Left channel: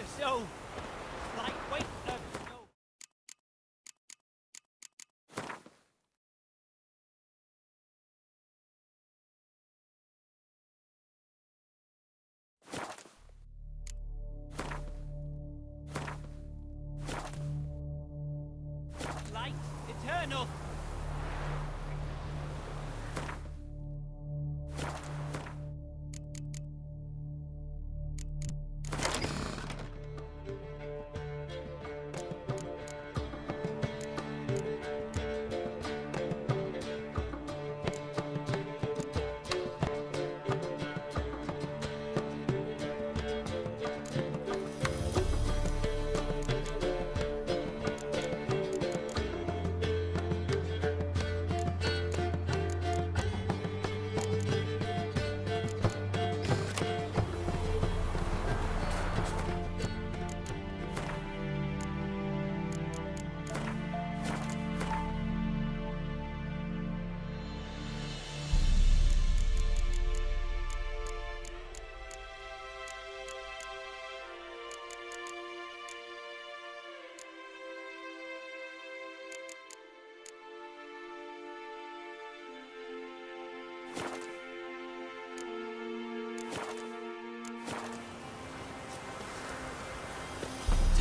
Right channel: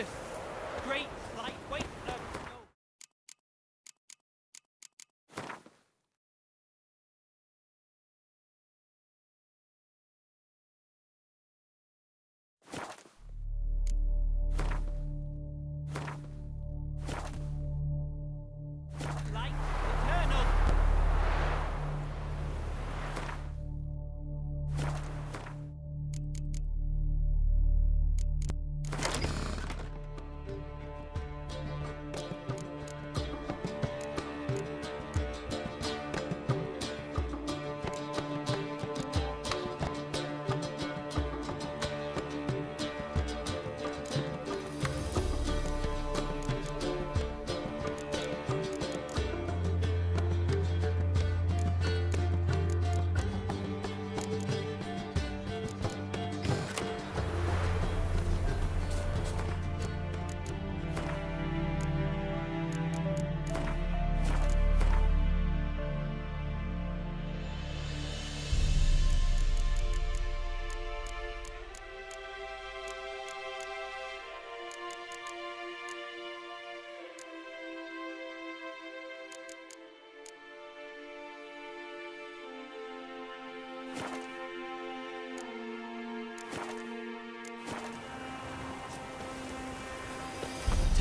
us. Oh, great light. Wait. No. Light eternal.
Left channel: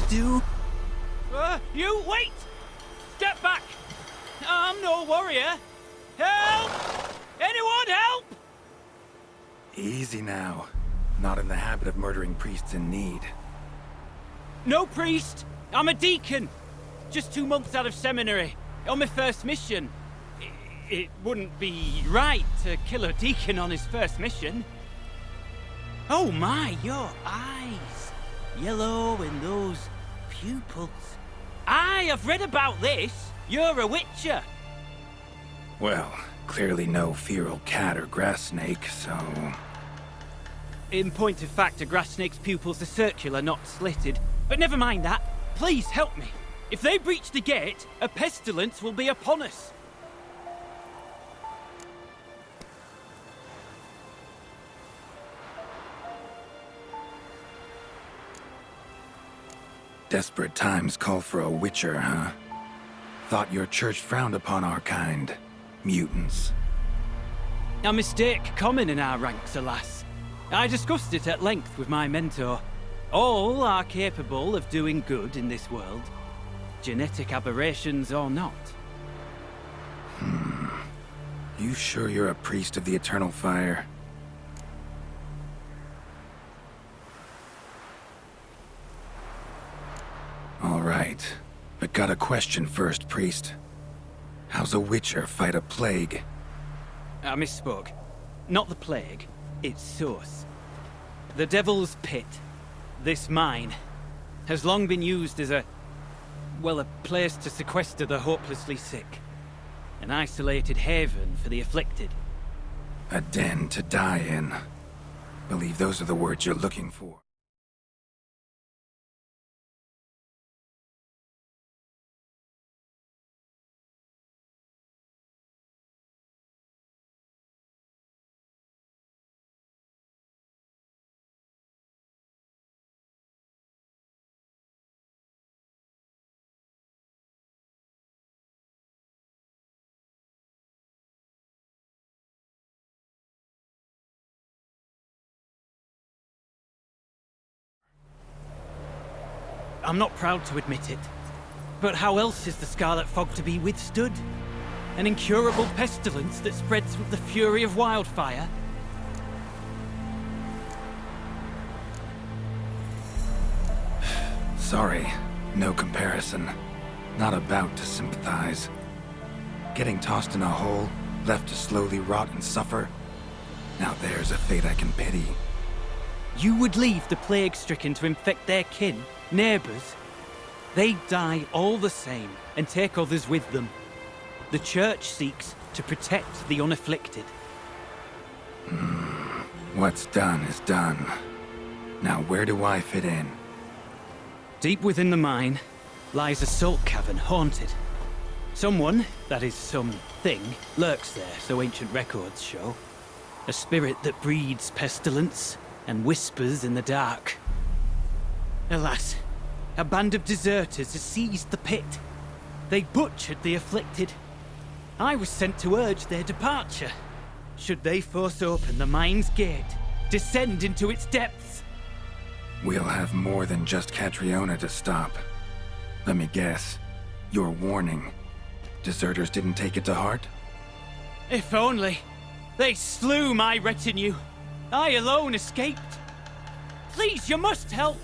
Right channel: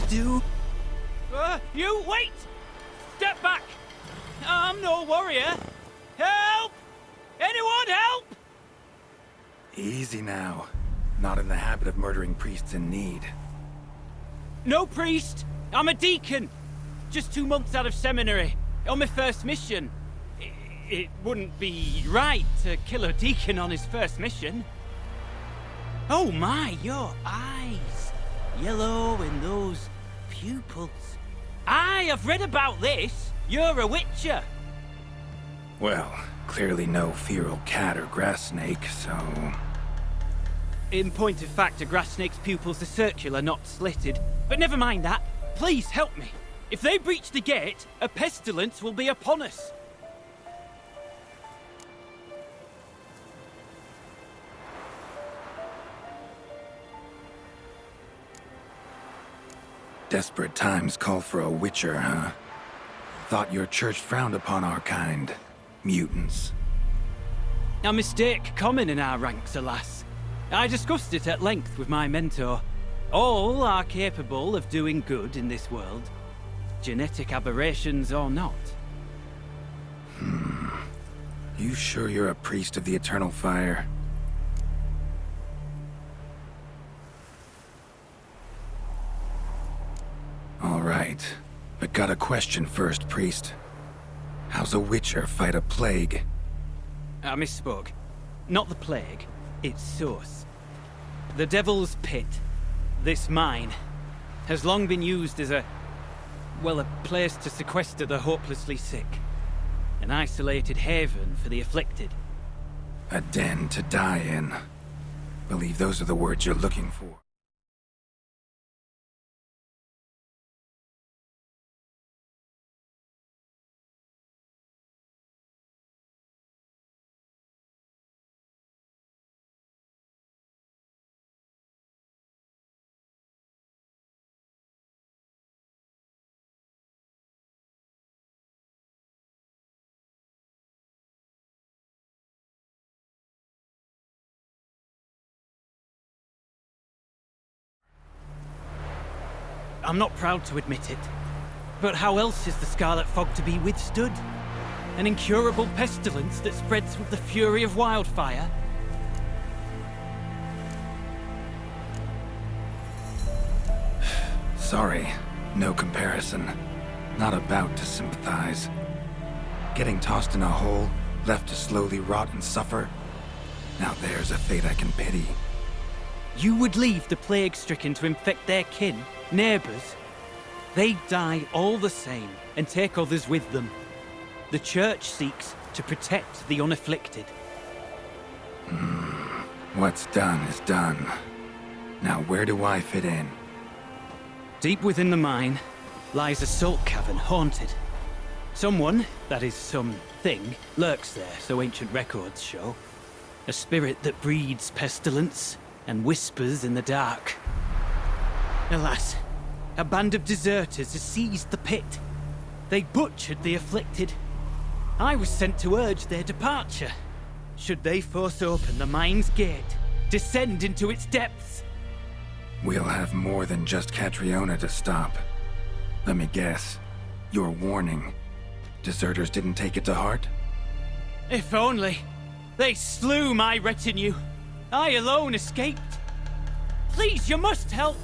Do? You wait! Step back! I'm no warrior. Help! Anyone help! Easy now. Not in the habit of murdering priests in need. No priest. I'm a deacon. Just 2 months out of seminary. On my first mission. It wouldn't be right to kill a deacon on his first mission. Oh my, your eyes. Yellow in those pupils. I've read about this. You're a witcher. Well, clearly no feral cat or grass snake, so... In point of fact, a grass snake's pupils are circular, not slitted. But never mind that. Please help me. If they breach the gate, a pestilence will be upon us. Desperate times call for a witcher, huh? Thought your church frowned upon our kind. Mutants. A mistake common in our ranks, alas. I discussed it at length with my mentor. All are capable of doing good in this world. Genetic aberrations or not. You sure you're a priest of the Eternal Fire? All right, but got a question first, priest. How's a witcher fight a plague? I misspoke. Not the plague, its source. The Devil's Pit, this mine, has long been used as a place to sequester the hopelessly sick. An isolated haven for the afflicted. A den to die in. Believe those are the words you're looking for. I'm not proud to admit it, but how else is the Scarlet Fog to be withstood? An incurable pestilence that spreads with the fury of wildfire? Sorry, no comparison. Not about to sympathize. Getting tossed in a hole, left to slowly rot and suffer. Now there's a fate I can pity. You would leave the plague-stricken to infect their kin, neighbors? They die all the same and take others with them. The Church seeks to protect the unafflicted. What's done is done. Now where do I fit in? Deep within the mine lies a salt cavern haunted. Someone, that is something, lurks there, so ancient records show. A spirit that breeds pestilence and whispers in the dark. Alas, a band of deserters has seized the pit. They butchered the afflicted. I was sent to urge their departure. Should they force open the mine's gate, descend into its depths? We'll have more than just Catriona to stop. Let me guess. Your warning. Deserters didn't take it to heart? If only. They slew my retinue. I alone escaped. Please, you must help.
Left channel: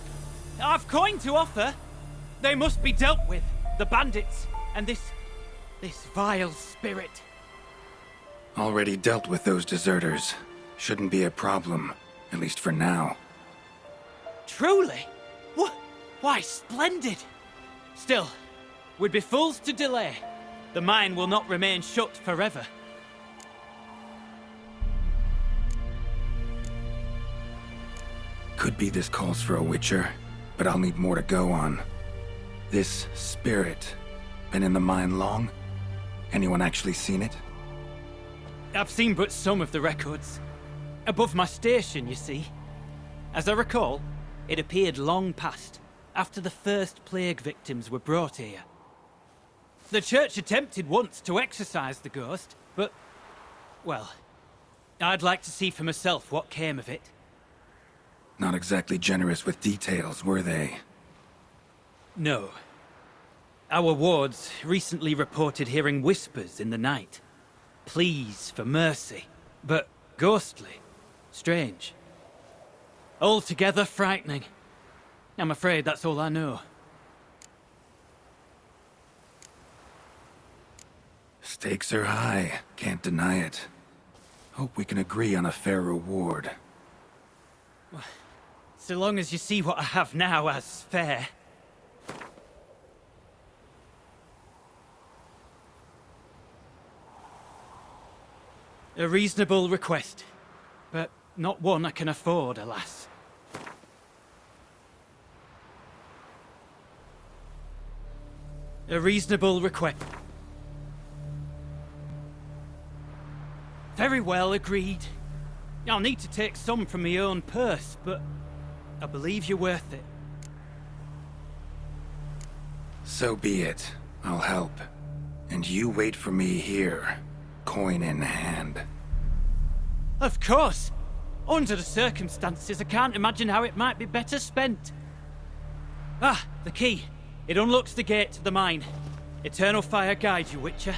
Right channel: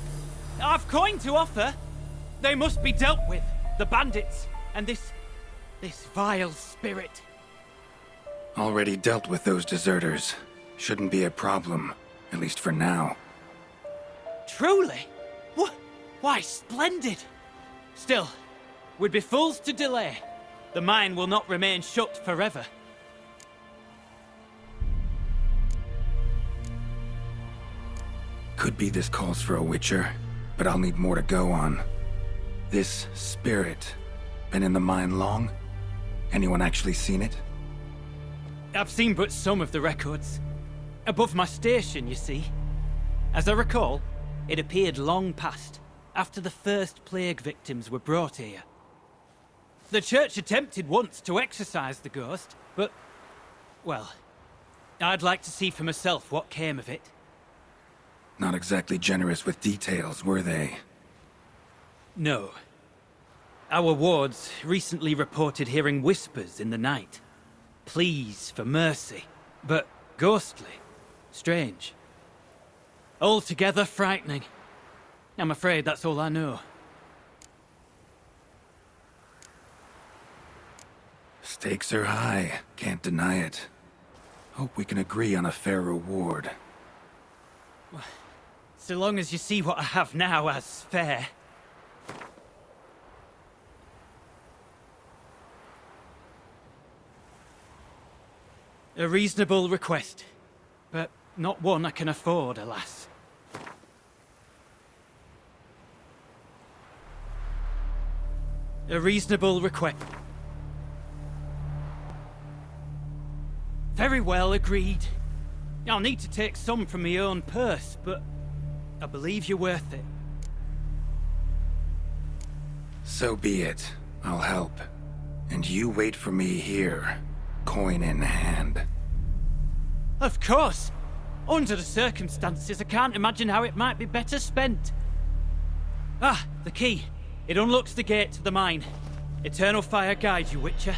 I've coin to offer. They must be dealt with. The bandits, and this vile spirit. Already dealt with those deserters. Shouldn't be a problem, at least for now. Truly? Why, splendid. Still, we'd be fools to delay. The mine will not remain shut forever. Could be this calls for a witcher, but I'll need more to go on. This spirit, been in the mine long? Anyone actually seen it? I've seen but some of the records. Above my station, you see. As I recall, it appeared long past, after the first plague victims were brought here. The church attempted once to exorcise the ghost, but, well, I'd like to see for myself what came of it. Not exactly generous with details, were they? No. Our wards recently reported hearing whispers in the night. Pleas for mercy, but ghostly. Strange. Altogether frightening. I'm afraid that's all I know. Stakes are high, can't deny it. Hope we can agree on a fair reward. So long as you see what I have now as fair. A reasonable request, but not one I can afford, alas. A reasonable request. Very well, agreed. I'll need to take some from my own purse, but I believe you're worth it. So be it. I'll help. And you wait for me here, coin in hand. Of course! Under the circumstances, I can't imagine how it might be better spent. Ah, the key. It unlocks the gate to the mine. Eternal fire guide you, Witcher.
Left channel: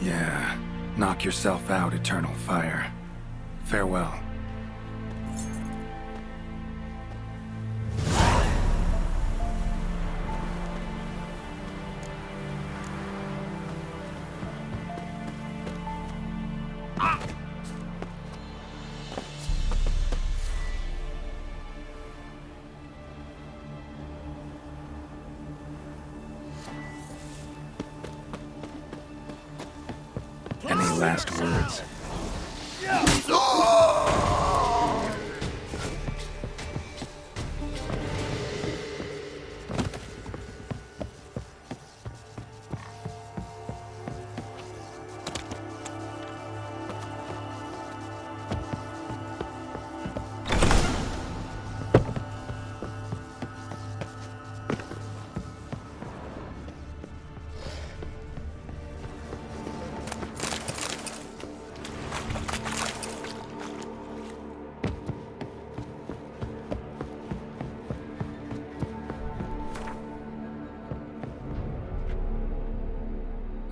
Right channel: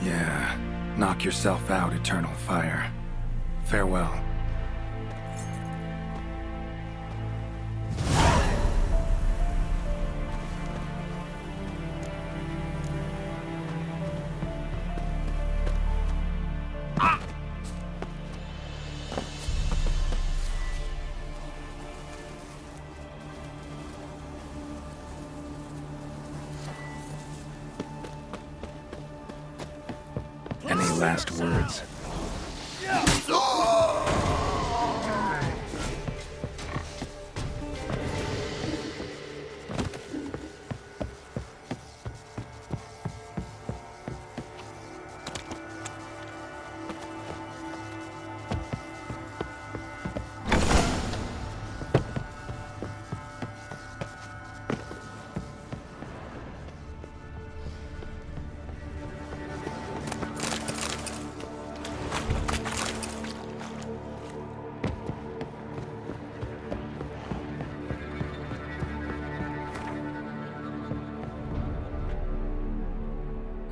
Yeah. Knock yourself out, Eternal Fire. Farewell. Any last words?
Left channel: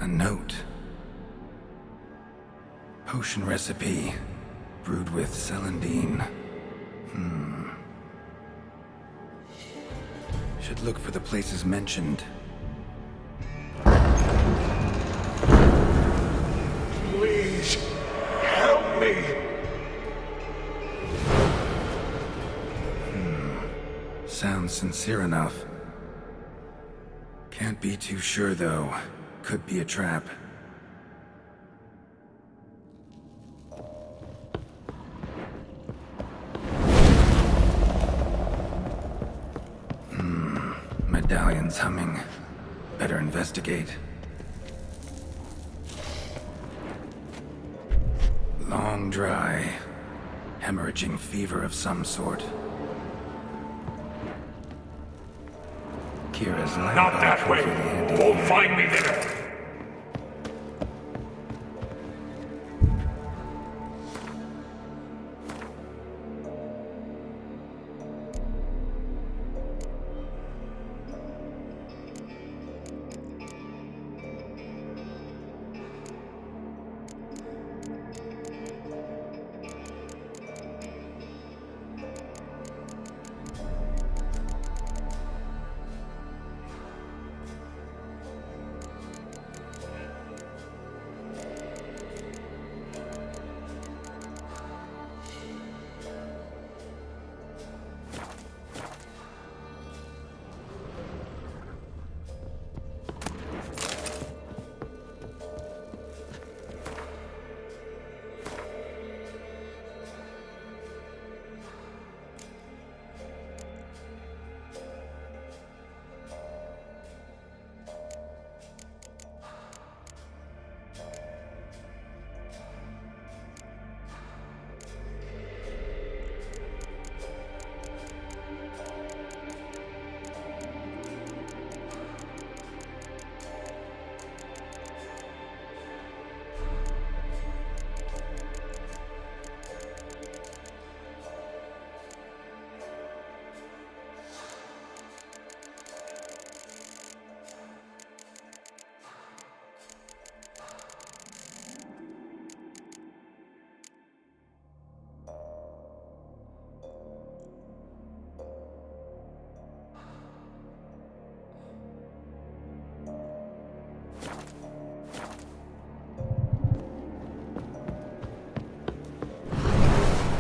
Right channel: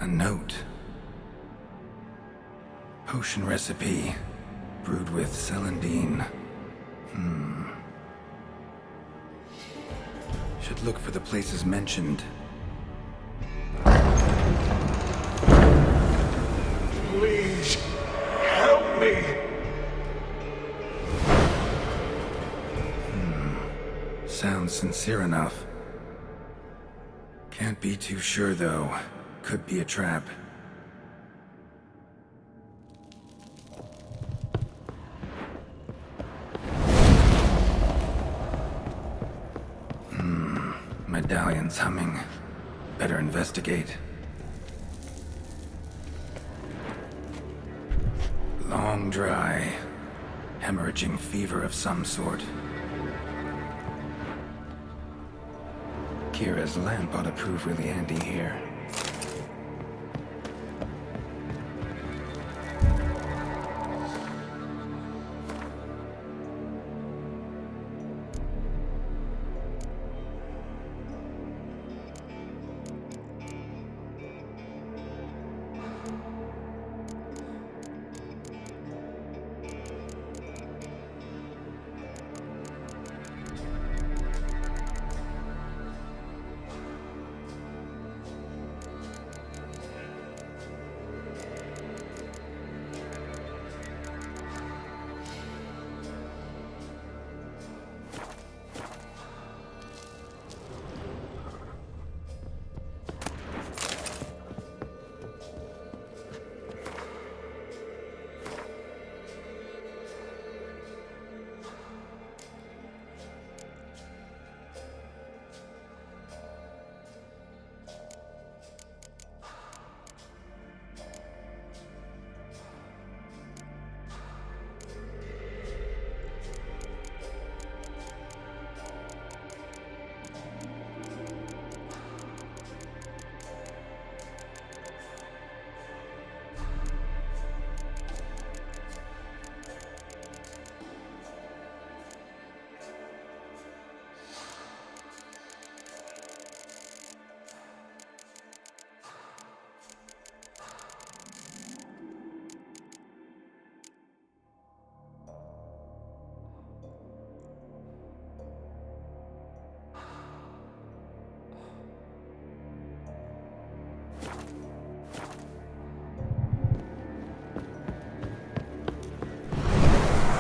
A note. Potion recipe. Brewed with celandine. Should look for the places mentioned. Please, help me! Sounds sincere enough. Can't be too sure, though. Could be a trap. Medallion's humming. Better investigate. Long dry. Hemorrhaging fever of some sort. Kira's lamp Not ought to that prove way. really handy Won't here. find me there.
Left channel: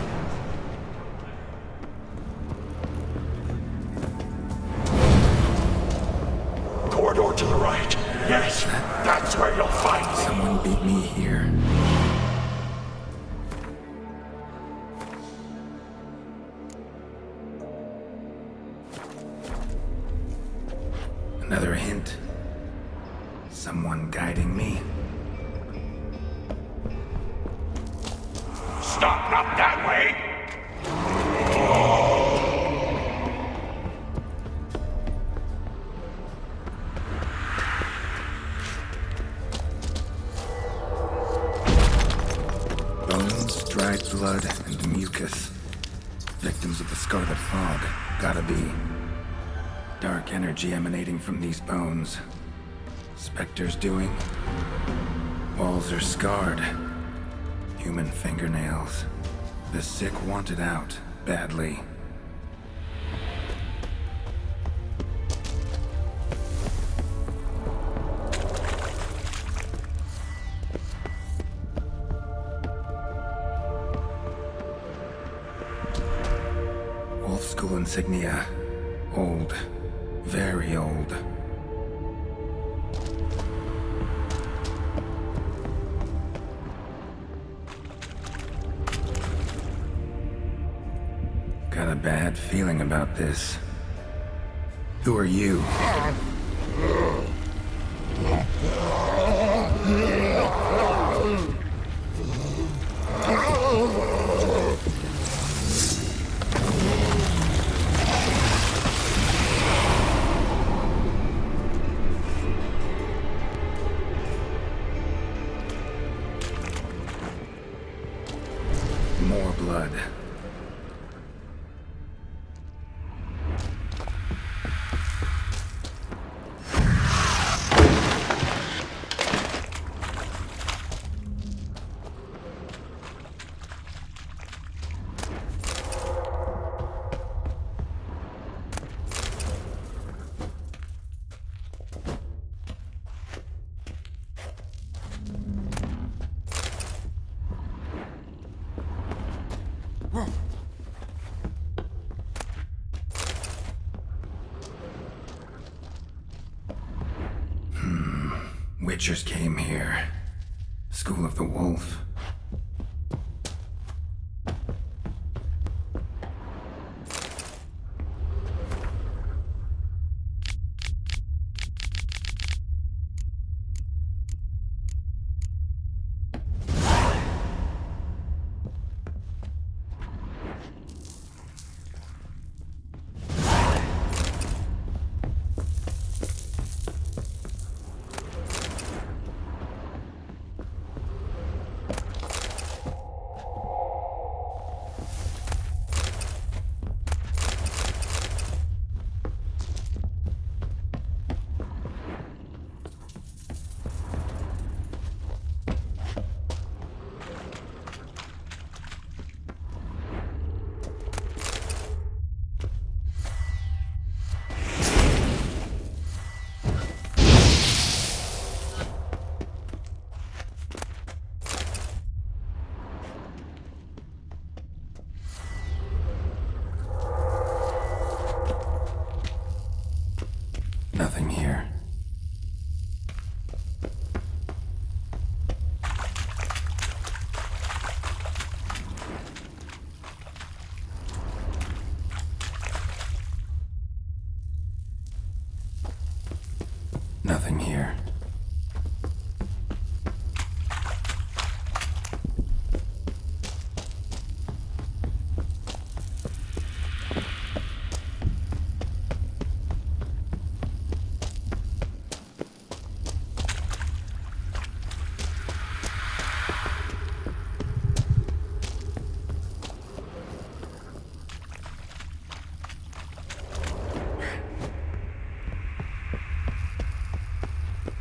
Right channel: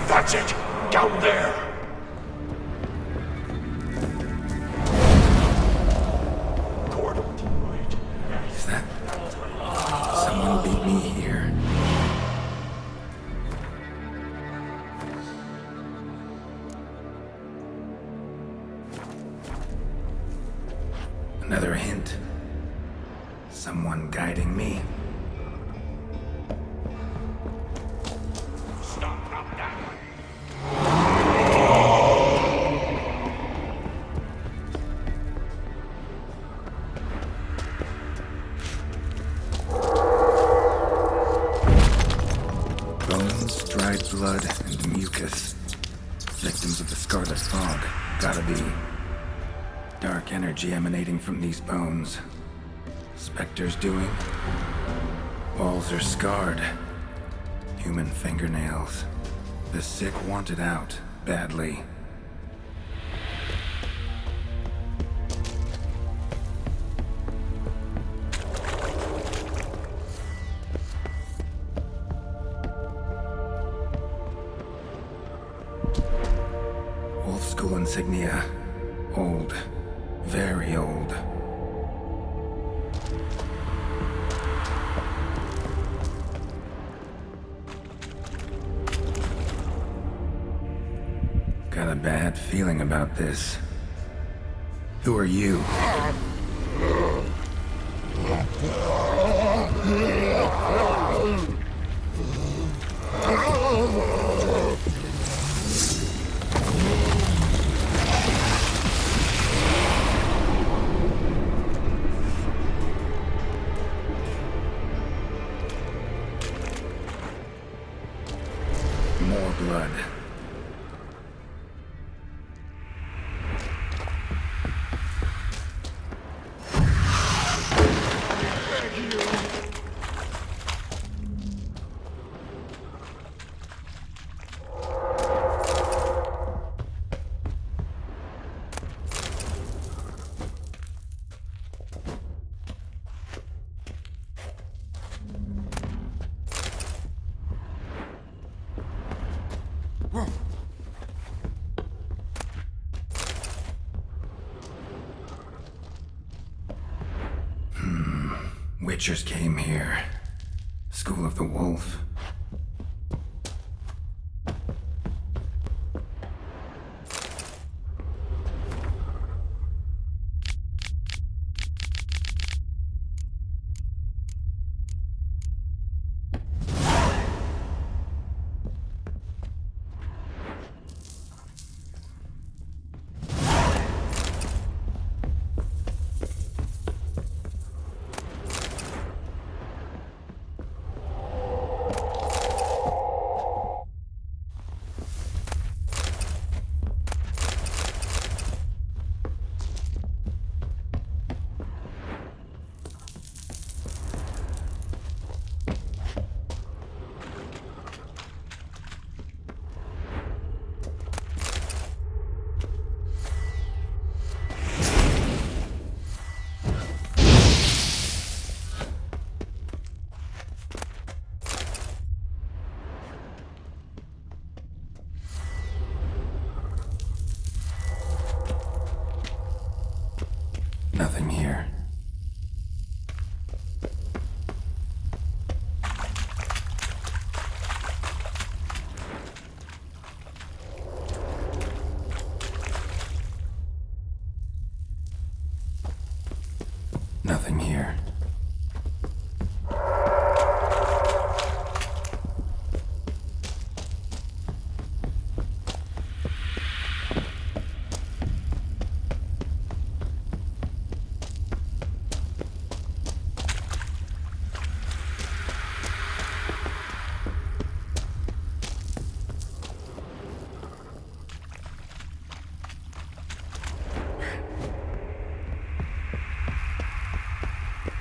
That's it! Down there! Corridor to the right. Yes, that's where you'll find me. Someone beat me here. Another hint. Someone guiding me. Stop, not that way! Bones, dried blood, and mucus. Victims of the Scarlet Fog. Gotta be. Dark energy emanating from these bones. Spectres doing? Walls are scarred. Human fingernails. The sick want it out, badly. Wolf School insignia. Old. Very old. Got a bad feeling about this. Who are you? More blood. Witchers came here. School of the Wolf. Nothing here. Nothing here.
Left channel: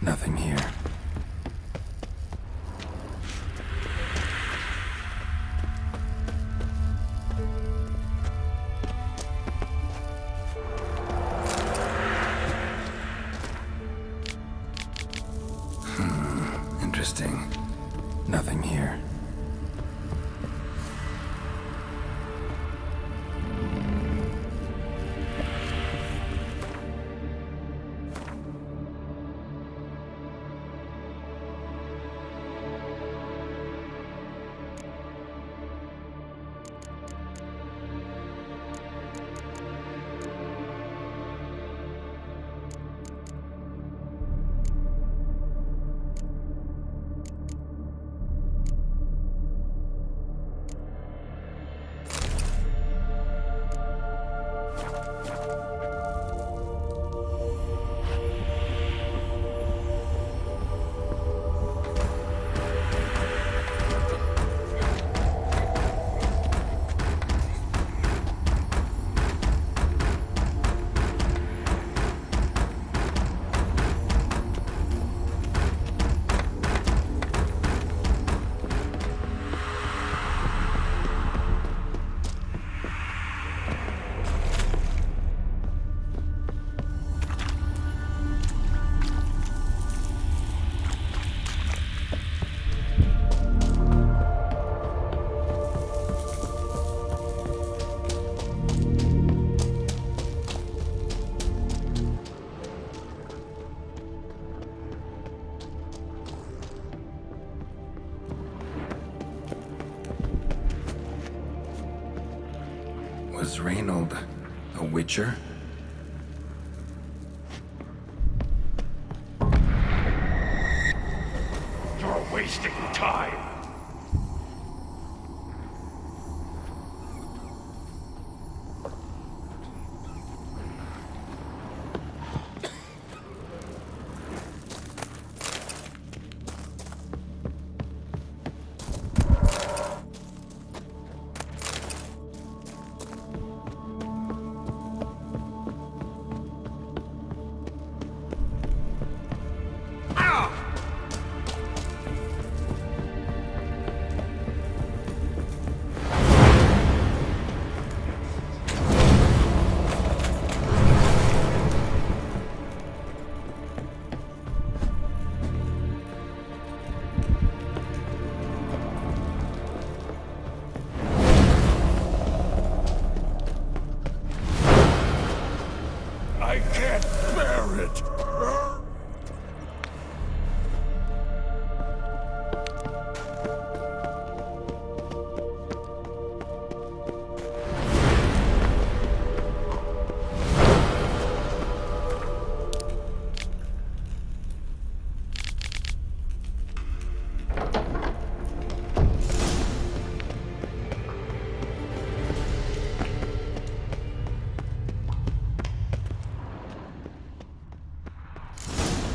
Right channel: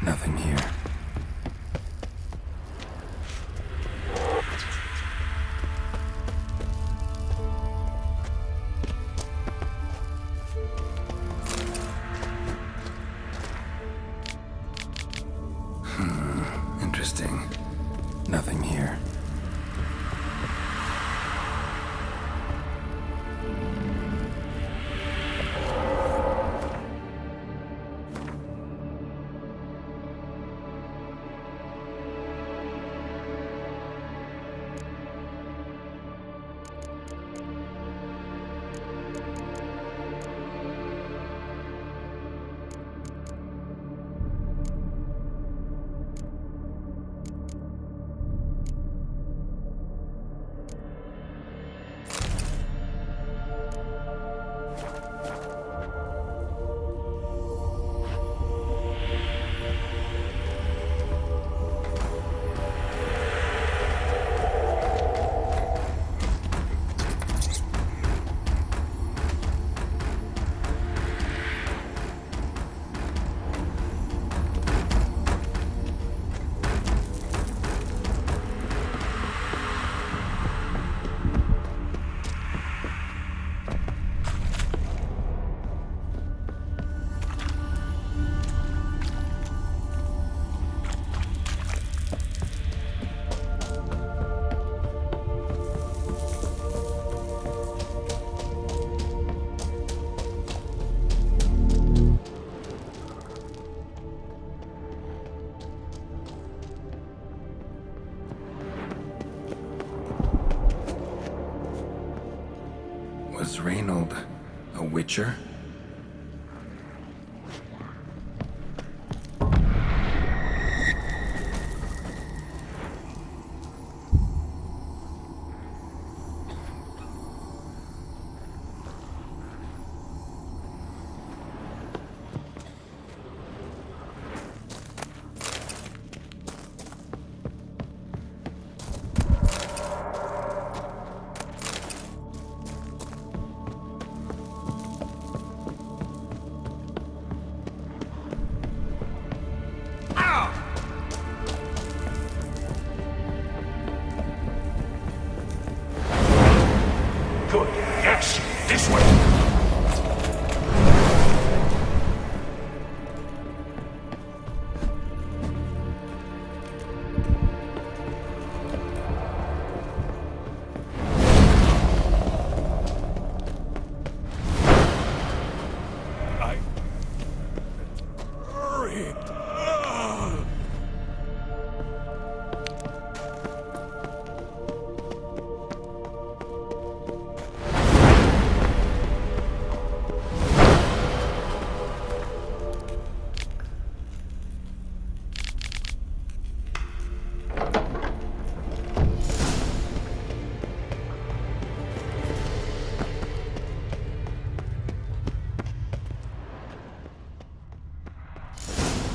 Nothing here. Interesting. Nothing here. Was Reynold a Witcher? You're wasting time. Good. Yes, this way. I can't bear it. Hurry.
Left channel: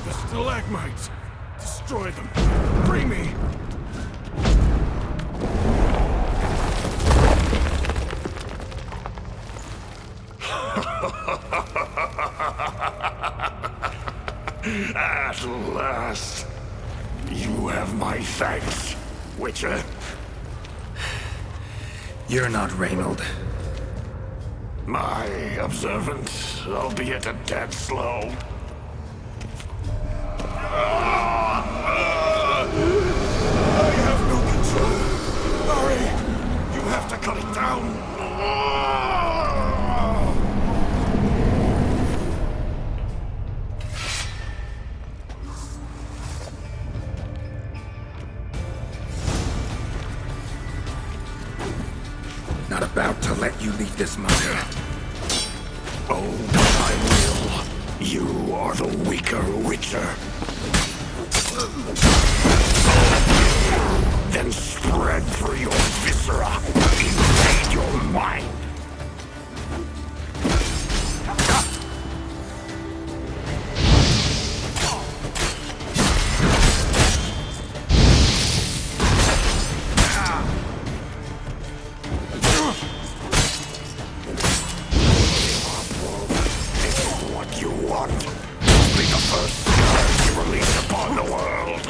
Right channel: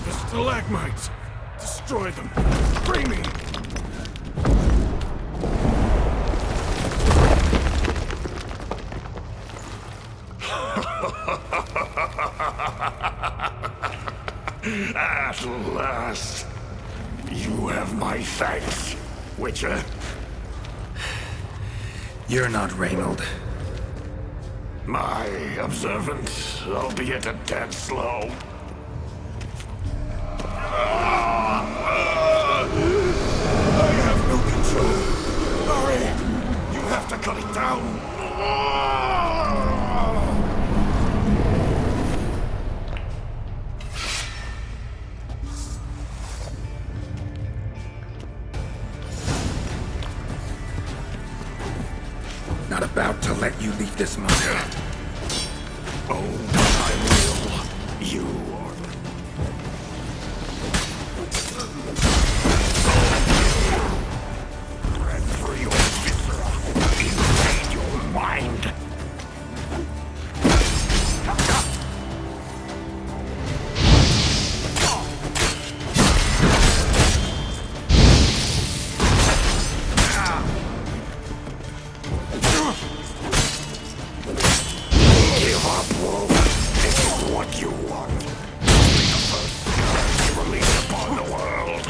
The stalagmites! Destroy them! Free me! At last! You have my thanks, Witcher. You're not Reynold. My observant, albeit a tad slow. I have no control. Hurry! You have to cut it down. about to let you leave this moment. Oh, I will. You are the weaker Witcher. Then spread through your viscera. Invade your mind. Give up, Wolf. This is what you want. Be the first scourge you release upon the world.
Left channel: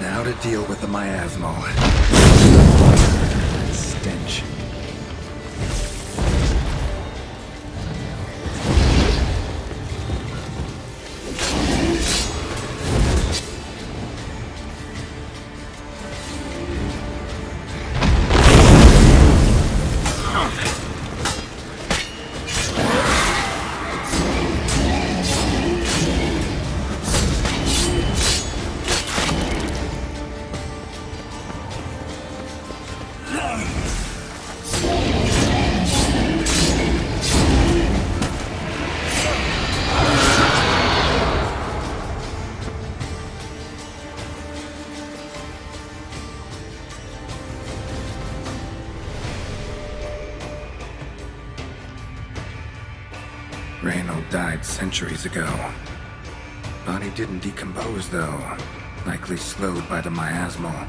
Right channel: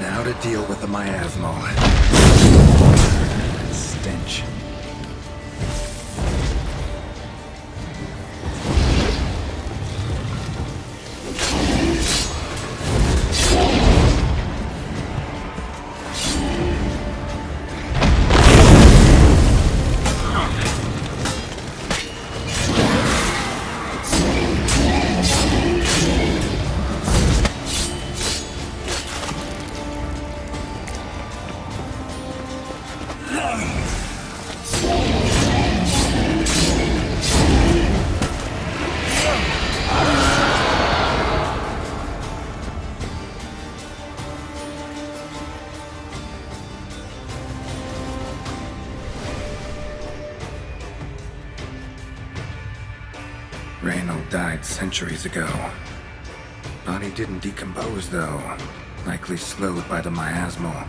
Now to deal with the miasmal. Stench. Reynold died centuries ago. Body didn't decompose, though. Likely slowed by the miasmal.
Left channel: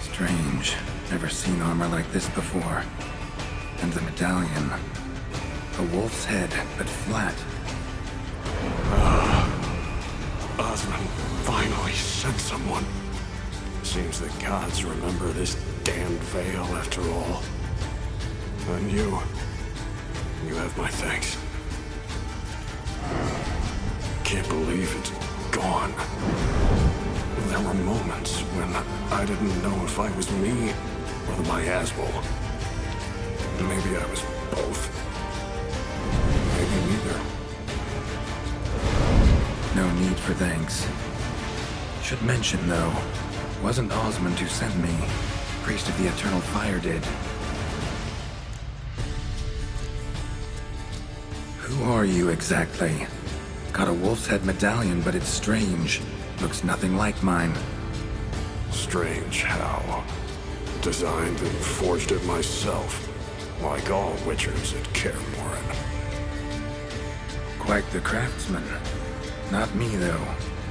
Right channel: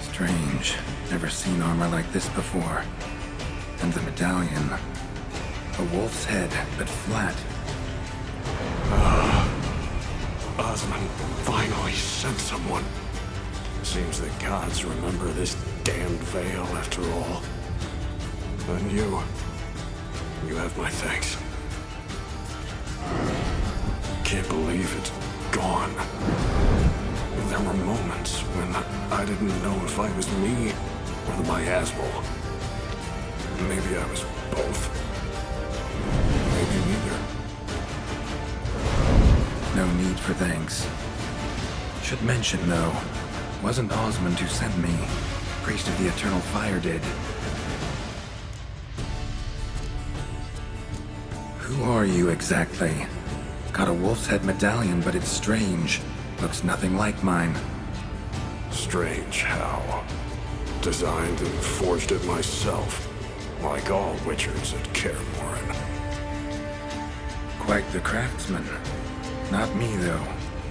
Strange. Never seen armor like this before. And the medallion. A wolf's head, but flat. Osmond finally sent someone. Seems the gods remember this damned veil after all. And you have my thanks. Can't believe it's gone. There were moments when I didn't know if I was me or the miasmal. Maybe I was both. Maybe neither. No need for thanks. Should mention, though, wasn't Osmond who sent me. Priest of the Eternal Fire did. Who are you exactly? Got a wolf's head medallion, but it's strange. Looks nothing like mine. Strange how. Designed and forged it myself, like all Witchers at Kaer Morhen. Quite the craftsman. Not me, though.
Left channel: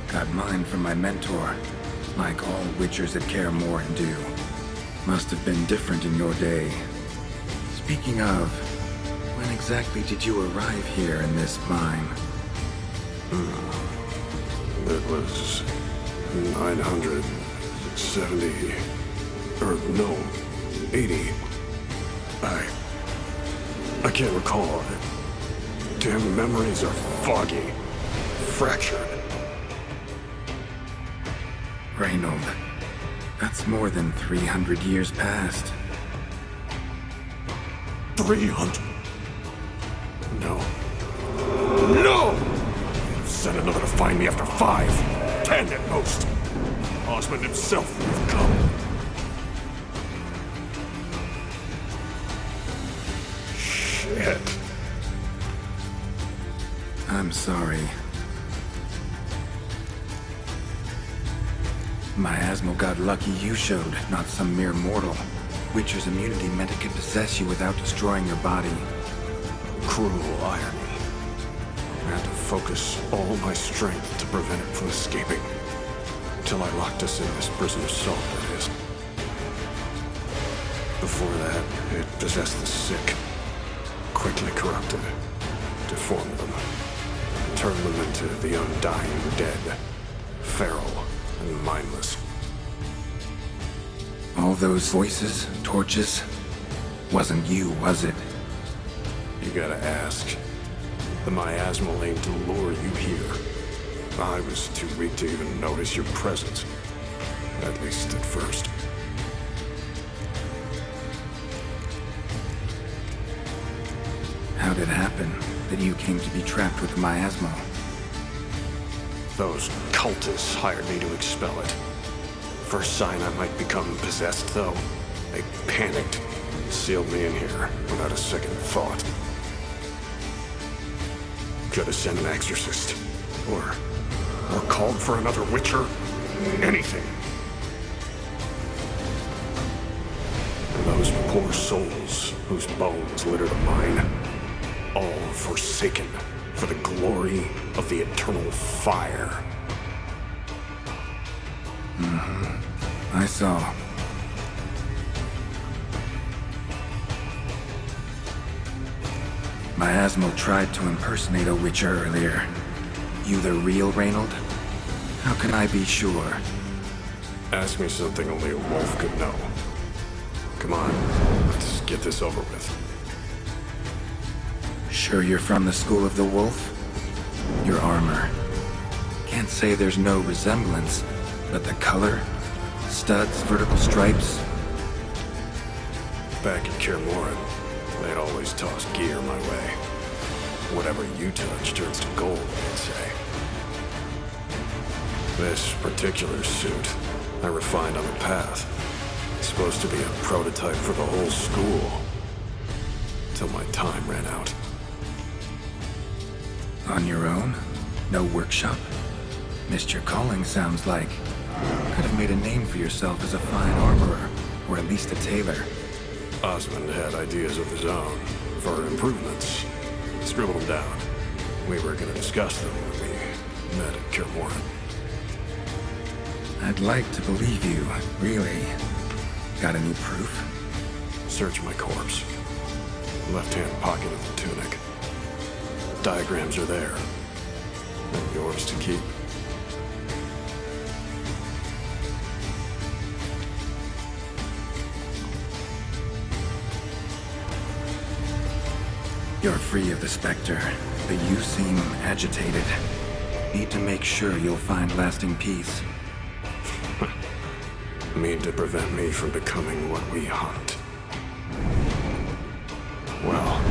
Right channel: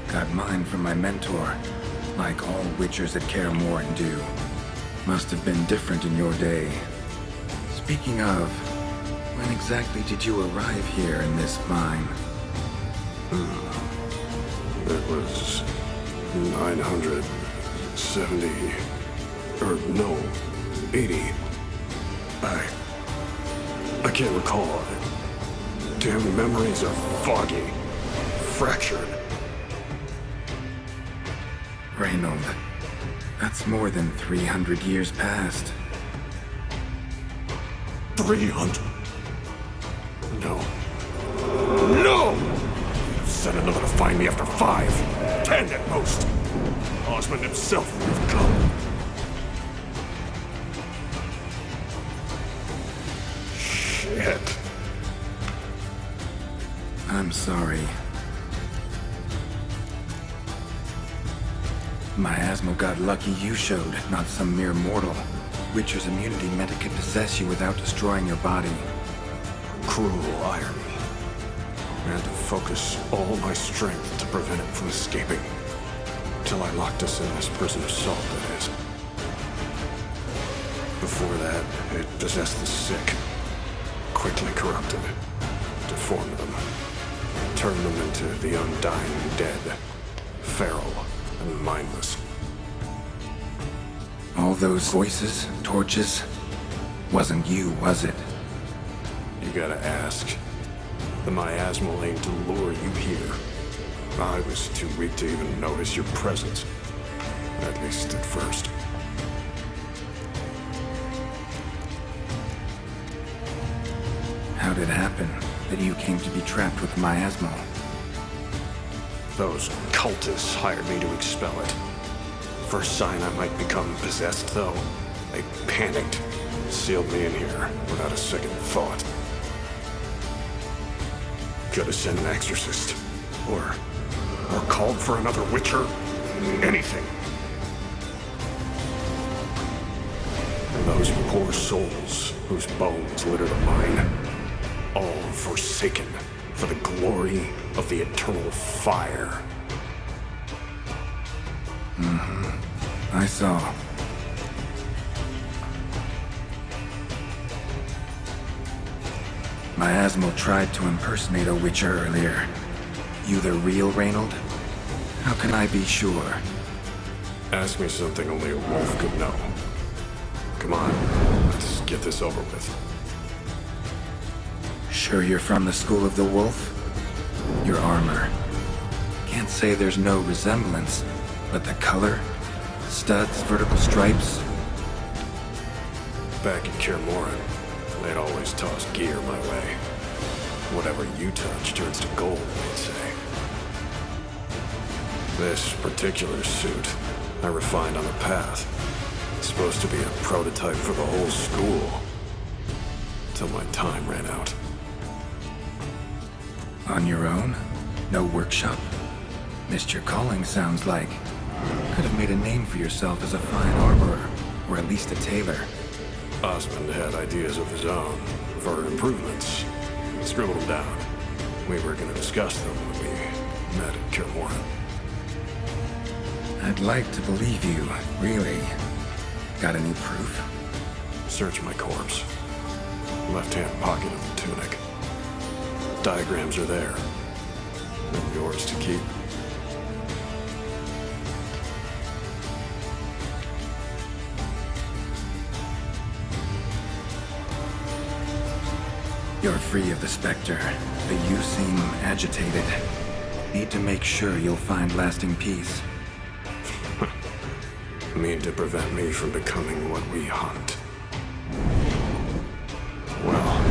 Got mine from my mentor, like all Witchers at Kaer Morhen do. Must have been different in your day. Speaking of, when exactly did you arrive here in this mine? It was 970, or no, 80. I can't recall. Damn memories are foggy, fractured. Reynold, that's more than 300 years past. 300. No. No! They'd have sent another to find me after 5, 10 at most. Osmond himself would have come. Shit. I'm sorry. Miasmal got lucky you showed, not some mere mortal. Witcher's immunity meant it could possess you without destroying your body. Cruel irony. I had to focus all my strength to prevent it from escaping. Till I locked us in this prison of salt, that is. Before that, it possessed the sick. Quickly corrupted, deformed them, turned them into the undying dead. Feral and mindless. All those voices, torches, wasn't you, was it? You gotta ask. The miasmal aimed to lure you here. I was too weak to even notice your presence. At least at first. How'd it happen that you came to be trapped with the miasmal? Those cultists hired me to expel it. First sign I might become possessed, though, they panicked, sealed me in here without a second thought. Could have sent an exorcist, or called for another Witcher. Anything. And those poor souls whose bones litter the mine, all forsaken for the glory of the eternal fire. I saw. Miasmal tried to impersonate a Witcher earlier. You the real Reynold? How can I be sure? Ask me something only a wolf could know. Come on, let's get this over with. Sure you're from the School of the Wolf? Your armor. Can't say there's no resemblance, but the color? Studs, vertical stripes? Back in Kaer Morhen, they'd always toss gear my way. Whatever you touch turns to gold, they'd say. This particular suit, I refined on the path. It's supposed to be a prototype for the whole school. Till my time ran out. On your own? No workshop? Missed your calling, sounds like. Could have made a name for yourself as a fine armorer, or at least a tailor. Osmond had ideas of his own for improvements. Scribbled them down. We were gonna discuss them when we met at Kaer Morhen. I'd like to believe you, really. Got any proof? Search my corpse. Left-hand pocket of the tunic. Diagrams are there. And yours to keep. You're free of the Spectre, but you seem agitated. Need to make sure you'll find lasting peace. Mean to prevent me from becoming what we hunt. Well,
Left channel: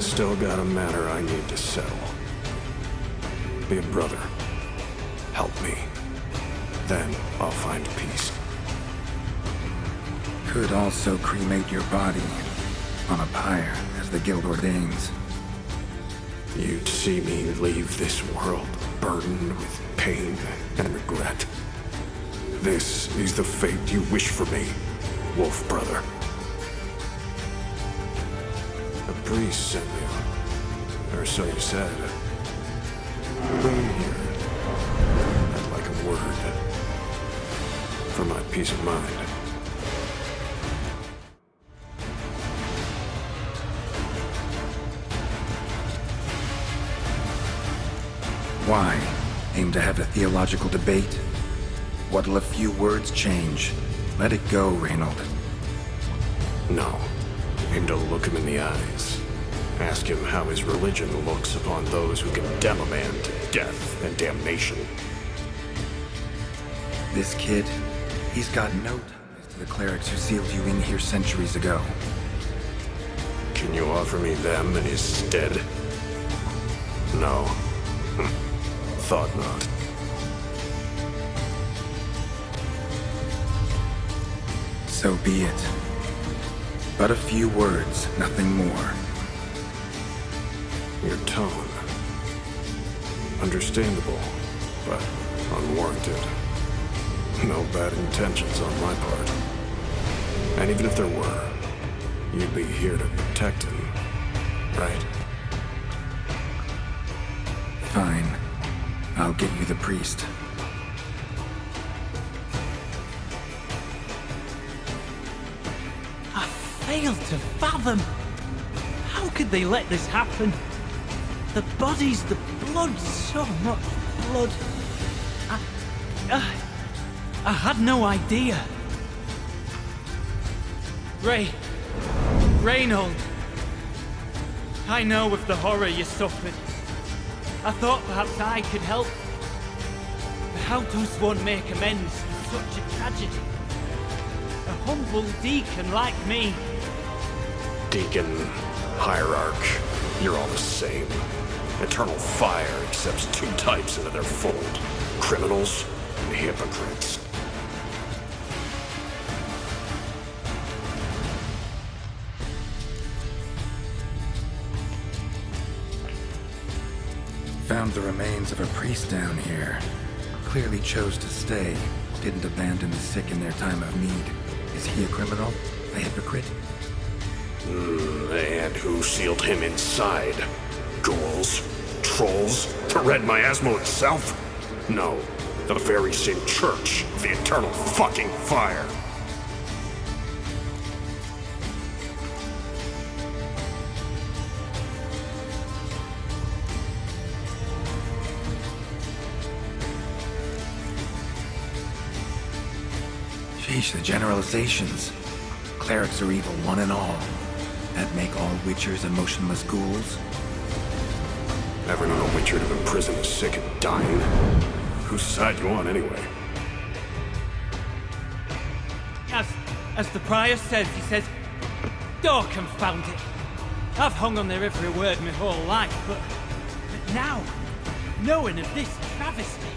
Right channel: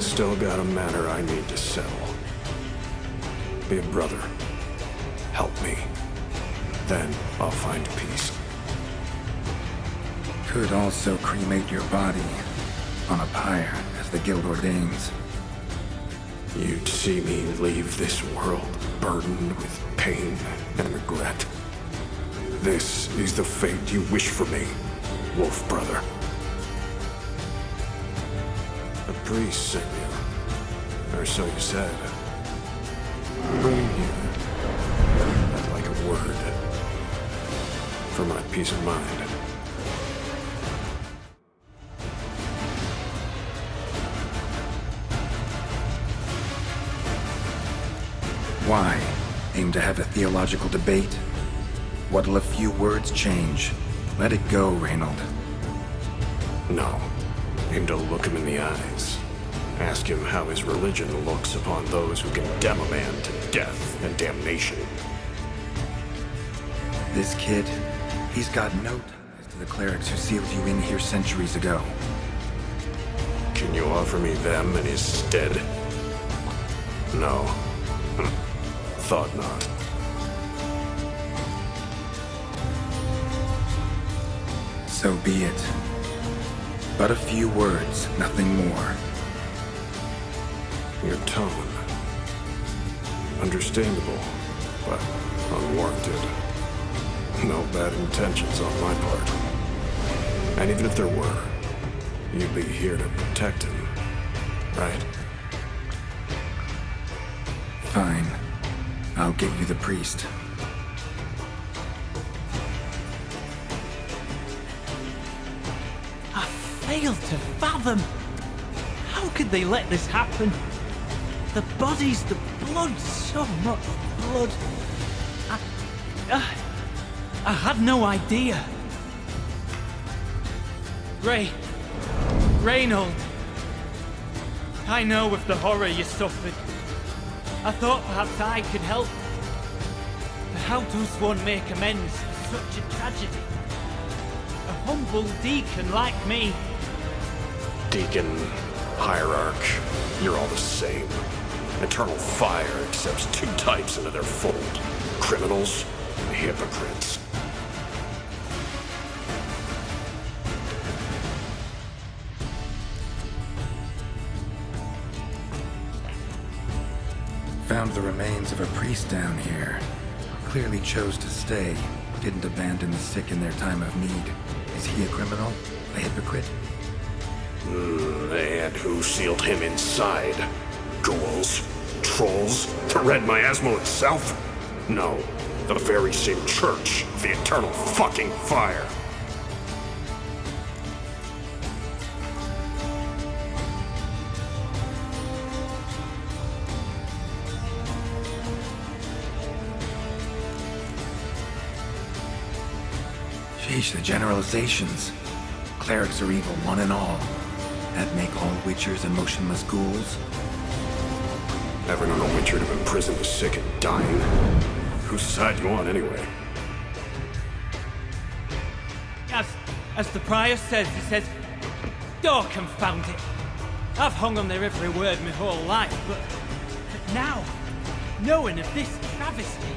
still got a matter I need to settle. Be a brother. Help me. Then I'll find peace. Could also cremate your body on a pyre, as the Guild ordains. You'd see me leave this world burdened with pain and regret. This is the fate you wish for me, Wolf Brother. A priest sent you, or so you said. Bring him here. I'd like a word. For my peace of mind. Why? Aim to have a theological debate? What'll a few words change? Let it go, Reynold. No. Aim to look him in the eyes. Ask him how his religion looks upon those who condemn a man to death and damnation. This kid, he's got no ties to the clerics who sealed you in here centuries ago. Can you offer me them in his stead? No. Thought not. So be it. But a few words, nothing more. Your tone. Understandable, but unwarranted. No bad intentions on my part. And even if there were, you'd be here to protect him, right? Fine. I'll get you the priest. I fail to fathom. How could they let this happen? The bodies, the blood, so much blood. I had no idea. Reynold. I know of the horror you suffered. I thought perhaps I could help. But how does one make amends for such a tragedy? A humble deacon like me. Deacon, Hierarch, you're all the same. Eternal Fire accepts two types into their fold. Criminals and hypocrites. Found the remains of a priest down here. Clearly chose to stay. Didn't abandon the sick in their time of need. Is he a criminal? A hypocrite? And who sealed him inside? Ghouls? Trolls? The Red Miasmo itself? No, the very same Church of the Eternal fucking Fire. Sheesh, the generalizations. Clerics are evil, one and all. That make all Witchers and motionless ghouls? Ever known a Witcher to imprison the sick and dying? Whose side you on, anyway? As the prior says, he says, "Oh, confound it. I've hung on their every word my whole life, but now, knowing of this travesty,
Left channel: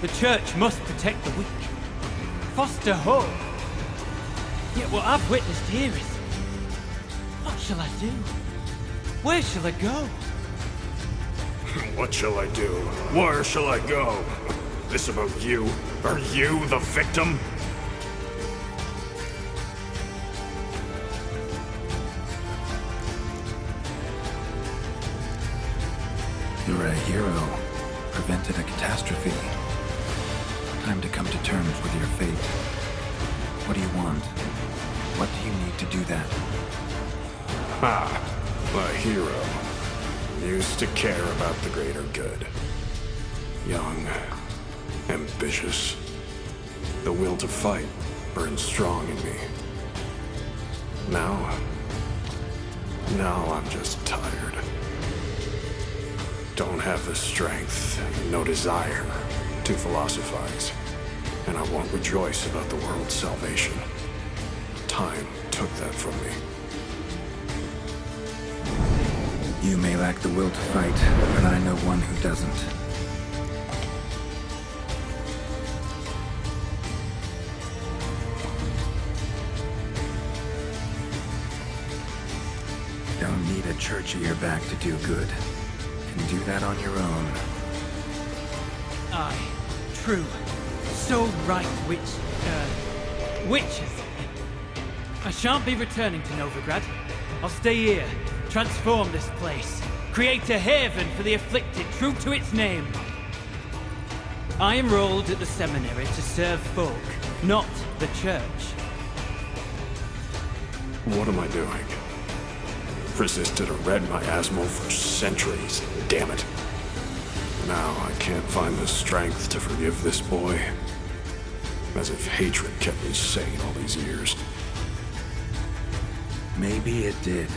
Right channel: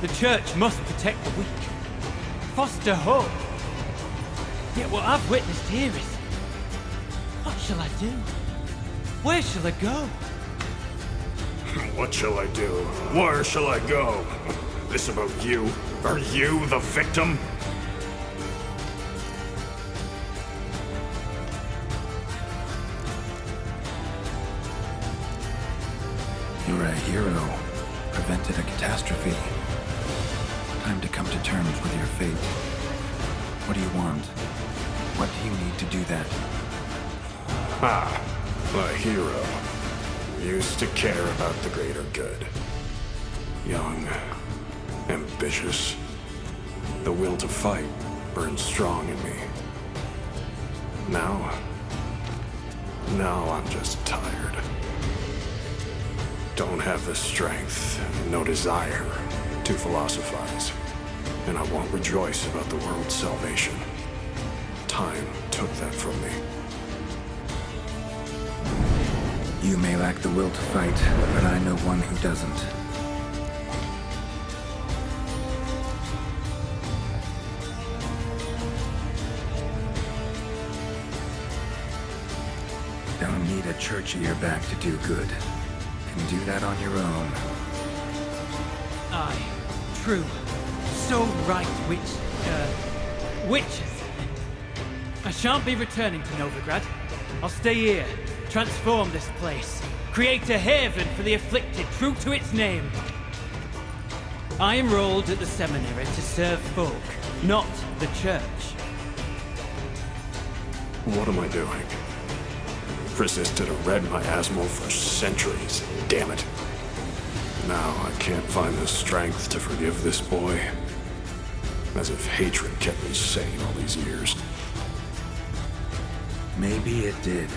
the Church must protect the weak, foster hope. Yet what I've witnessed here is, what shall I do? Where shall I go?" What shall I do? Where shall I go? This about you? Are you the victim? You're a hero. Prevented a catastrophe. Time to come to terms with your fate. What do you want? What do you need to do that? Ah, a hero. Used to care about the greater good. Young, ambitious. The will to fight burned strong in me. Now I'm just tired. Don't have the strength, no desire to philosophize. And I won't rejoice about the world's salvation. Time took that from me. You may lack the will to fight, but I know one who doesn't. Don't need a church at your back to do good. Can do that on your own. Aye, true. So right, witches. I shan't be returning to Novigrad. I'll stay here, transform this place, create a haven for the afflicted, true to its name. I enrolled at the seminary to serve folk, not the Church. What am I doing? Resisted a Red Miasmo for centuries, damn it. Now I can't find the strength to forgive this boy. As if hatred kept me sane all these years. Maybe it did,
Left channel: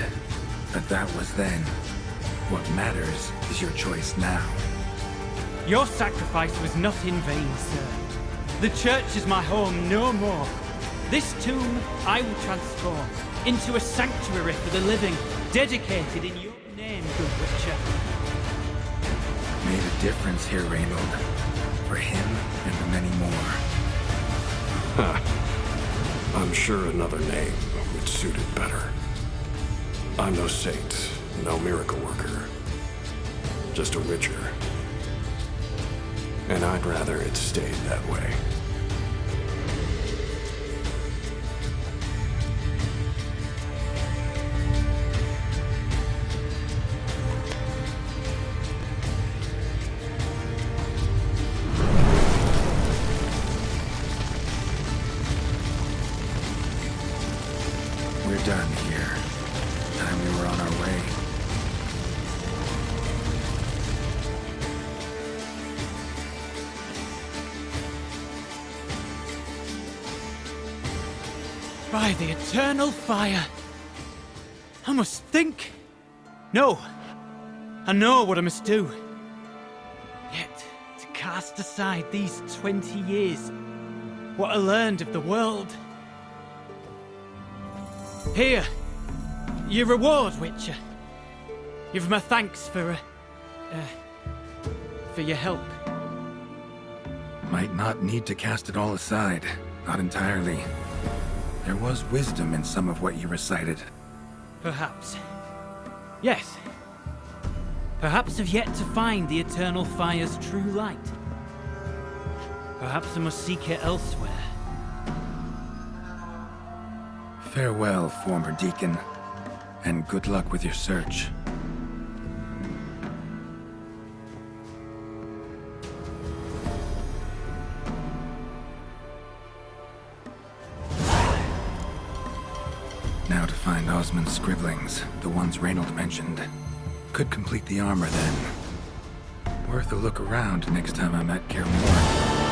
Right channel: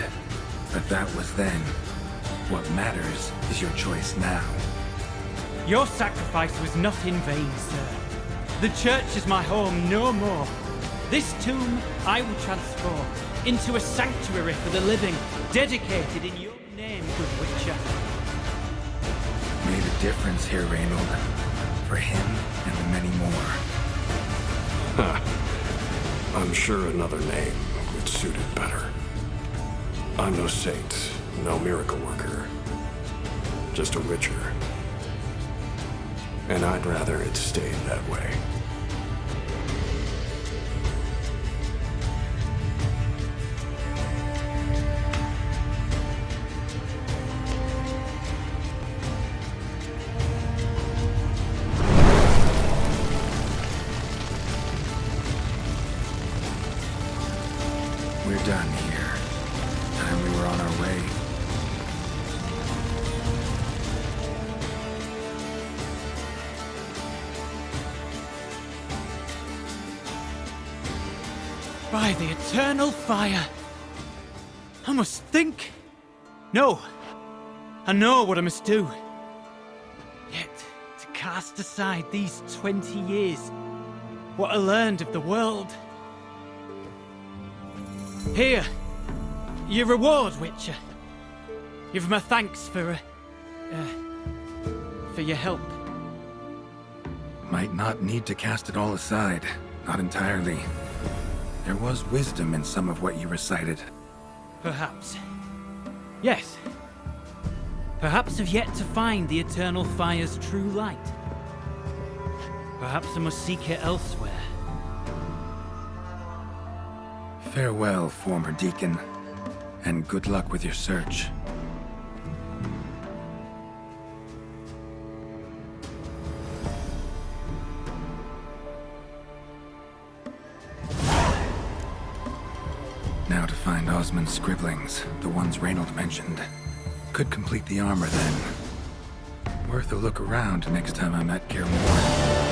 but that was then. What matters is your choice now. Your sacrifice was not in vain, sir. The Church is my home no more. This tomb I will transform into a sanctuary for the living, dedicated in your name, good Witcher. Made a difference here, Reynold. For him and many more. I'm sure another name would suit it better. I'm no saint, no miracle worker. Just a Witcher. And I'd rather it stayed that way. We're done here. Time we were on our way. By the eternal fire. I must think. No. I know what I must do. Yet, to cast aside these 20 years, what I learned of the world. Here, Your reward, Witcher. Give my thanks for your help. Might not need to cast it all aside. Not entirely. There was wisdom in some of what you recited. Perhaps. Yes. Perhaps I've yet to find the Eternal Fire's true light. Perhaps I must seek it elsewhere. Farewell, former deacon. And good luck with your search. Now to find Osmond's scribblings, the ones Reynold mentioned. Could complete the armor then. Worth a look around next time I'm at Kaer Morhen.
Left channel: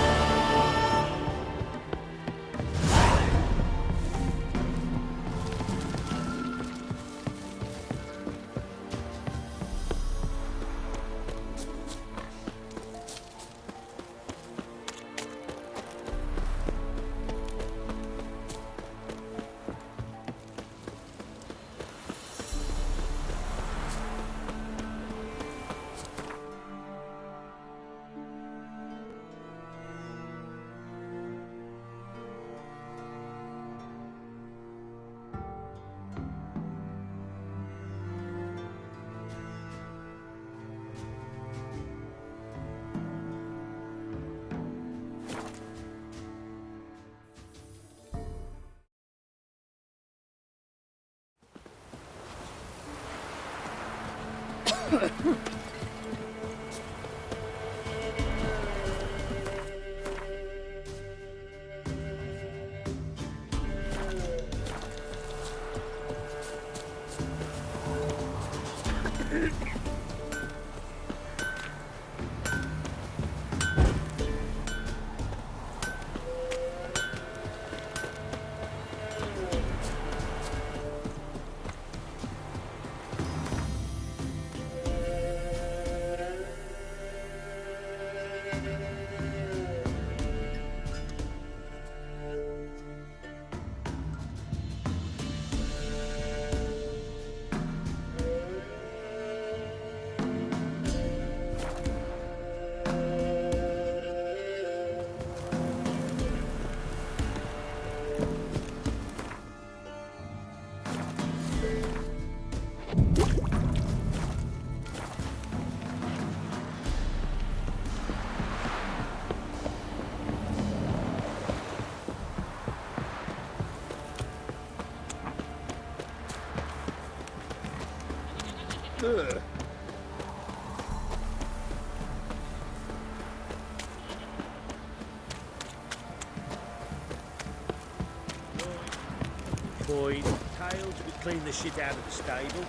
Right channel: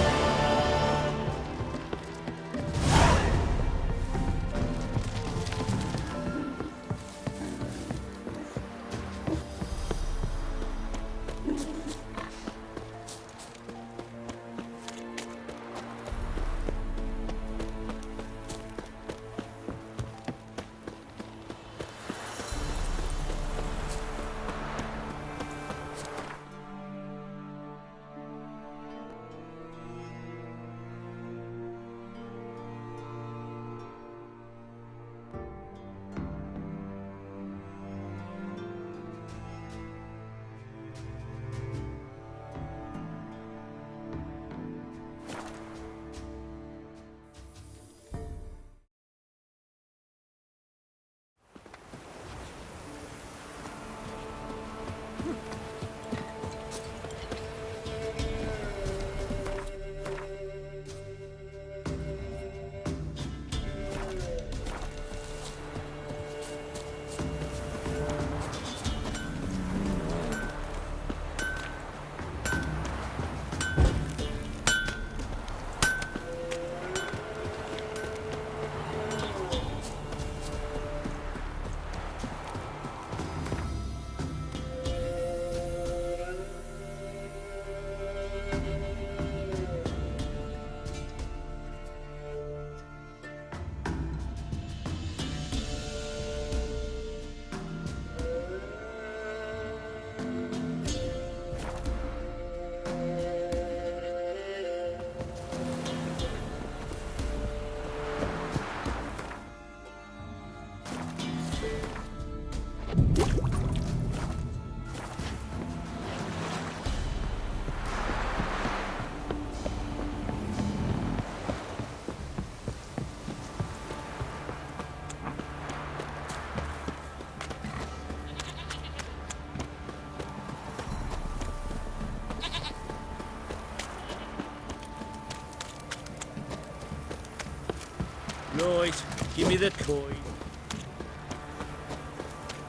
Right, give me the coin. Tails will clean the shit out of the stable.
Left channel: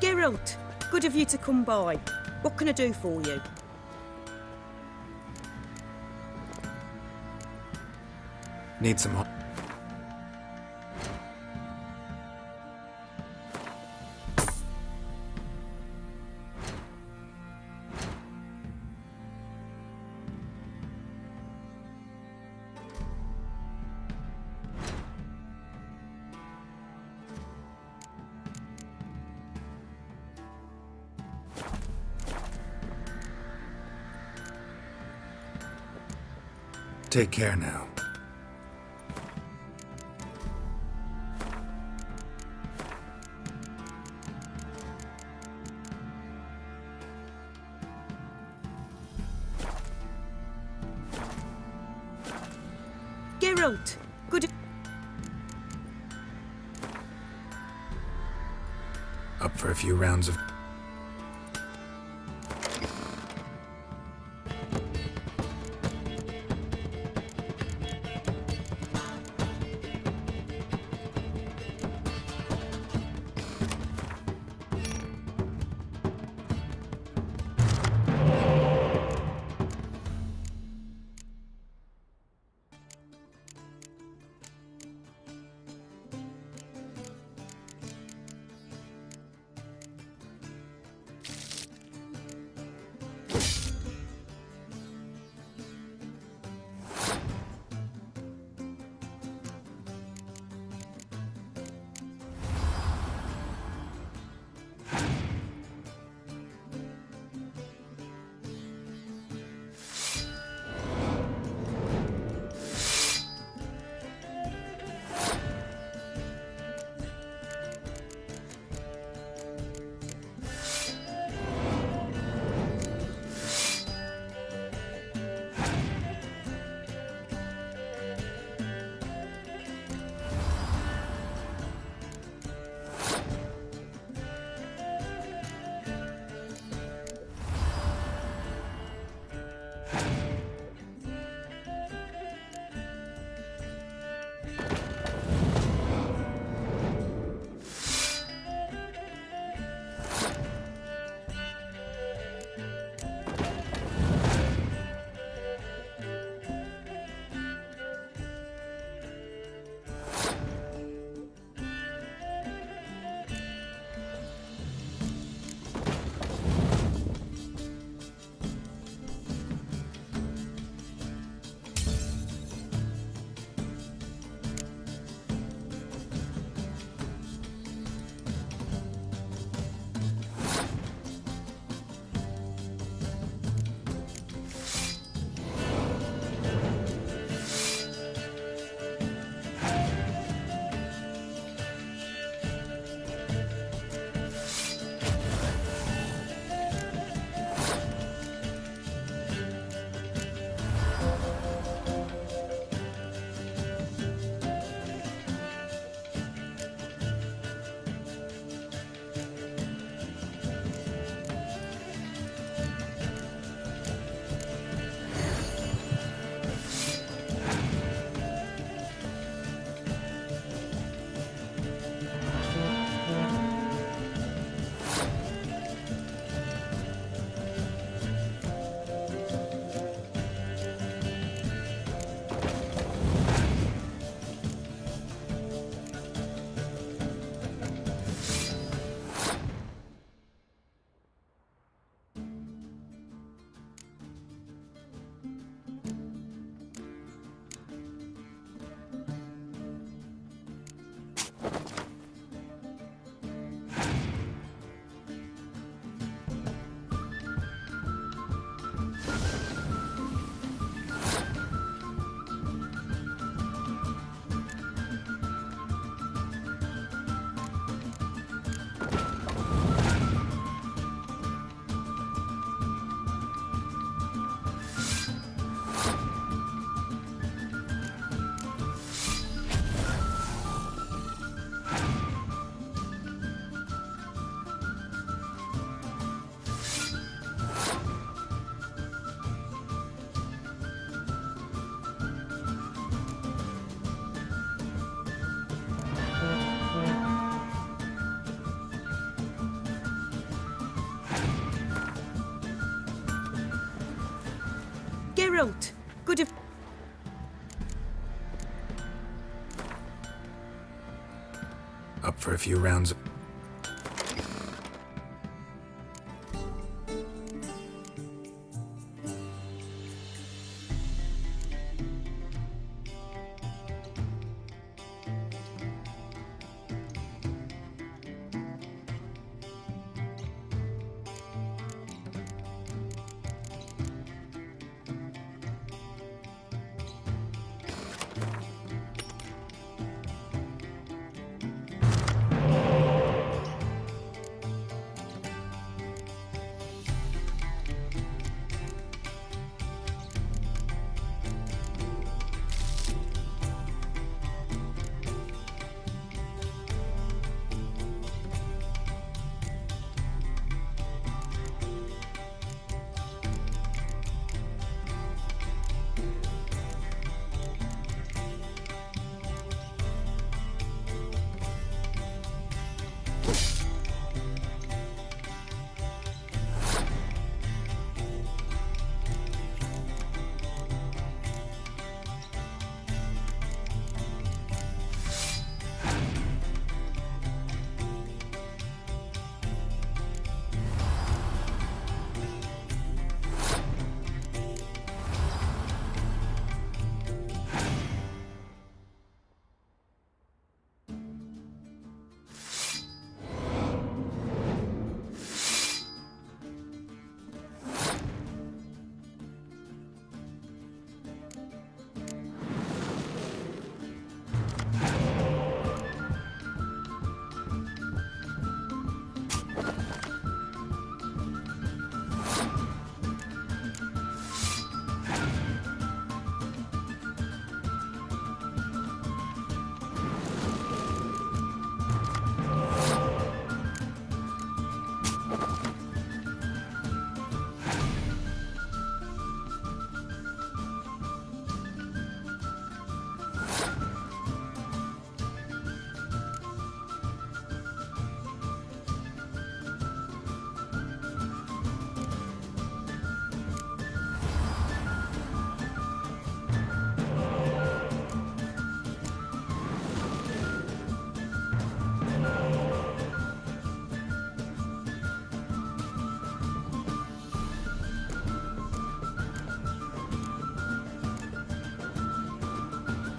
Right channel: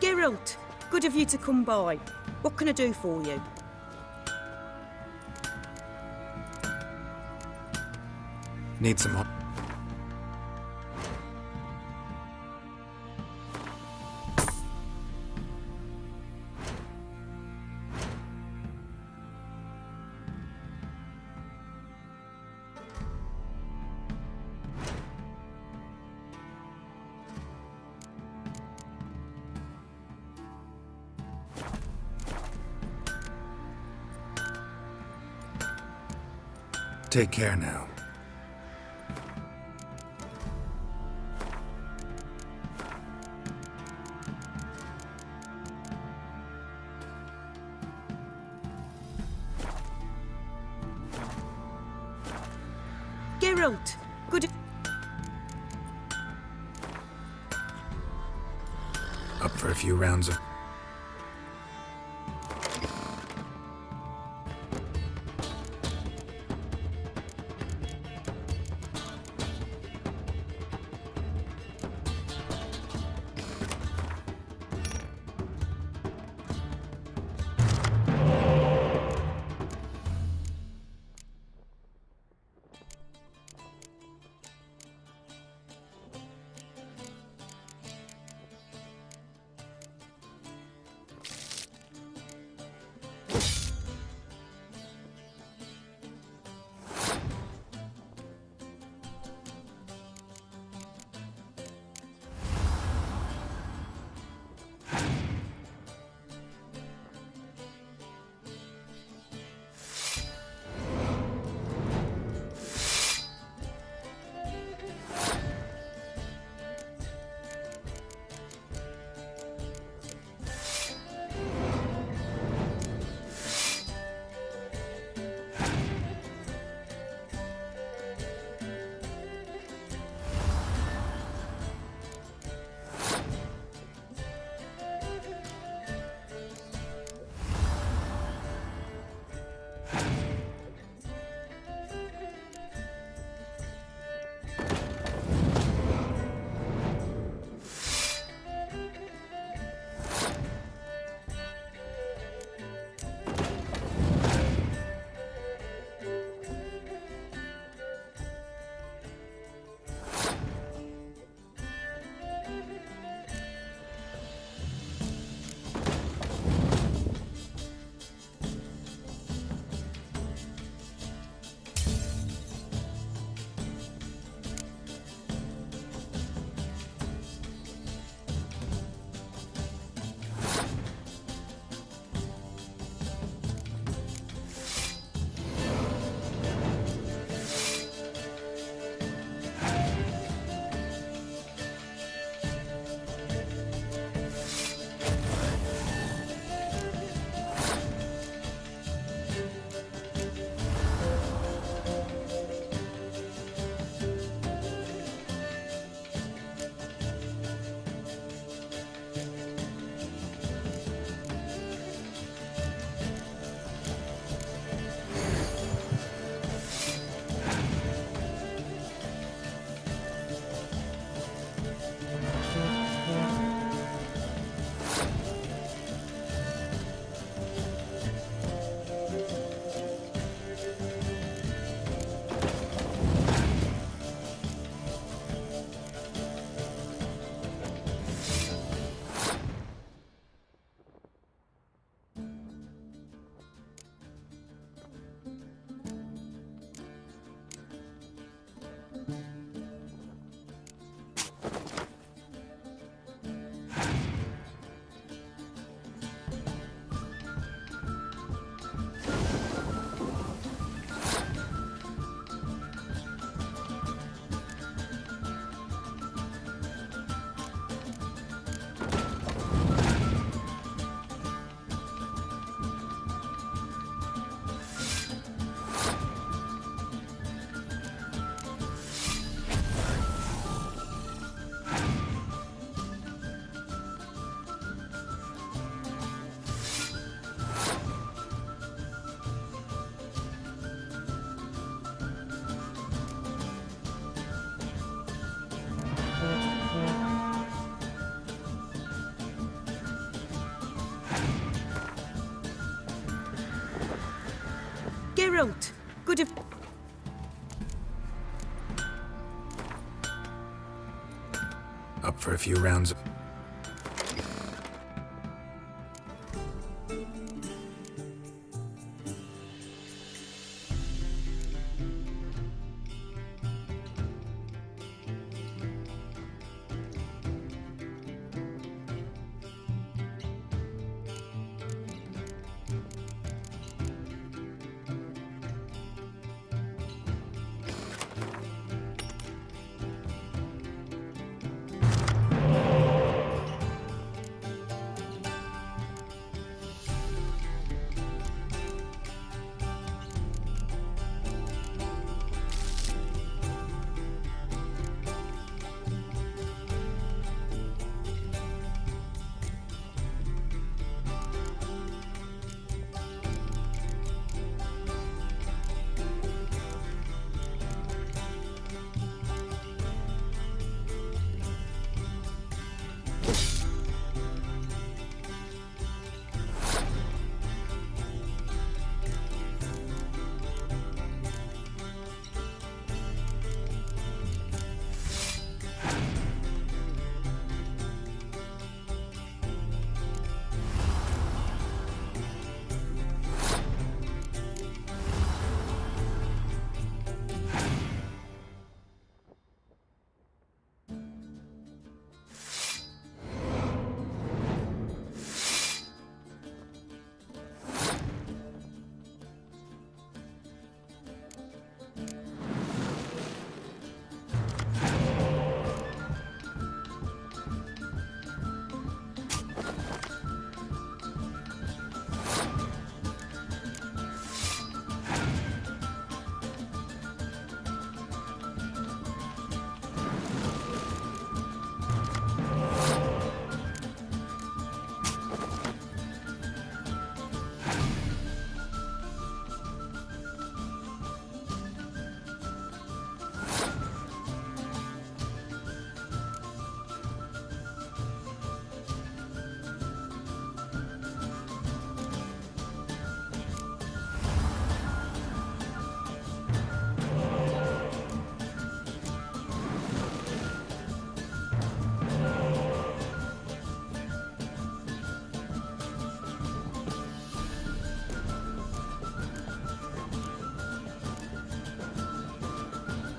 Geralt, good of you to come by. What can I do for you? Need some help. Take care now. Geralt, good. Up for a few rounds of... up for a few rounds of...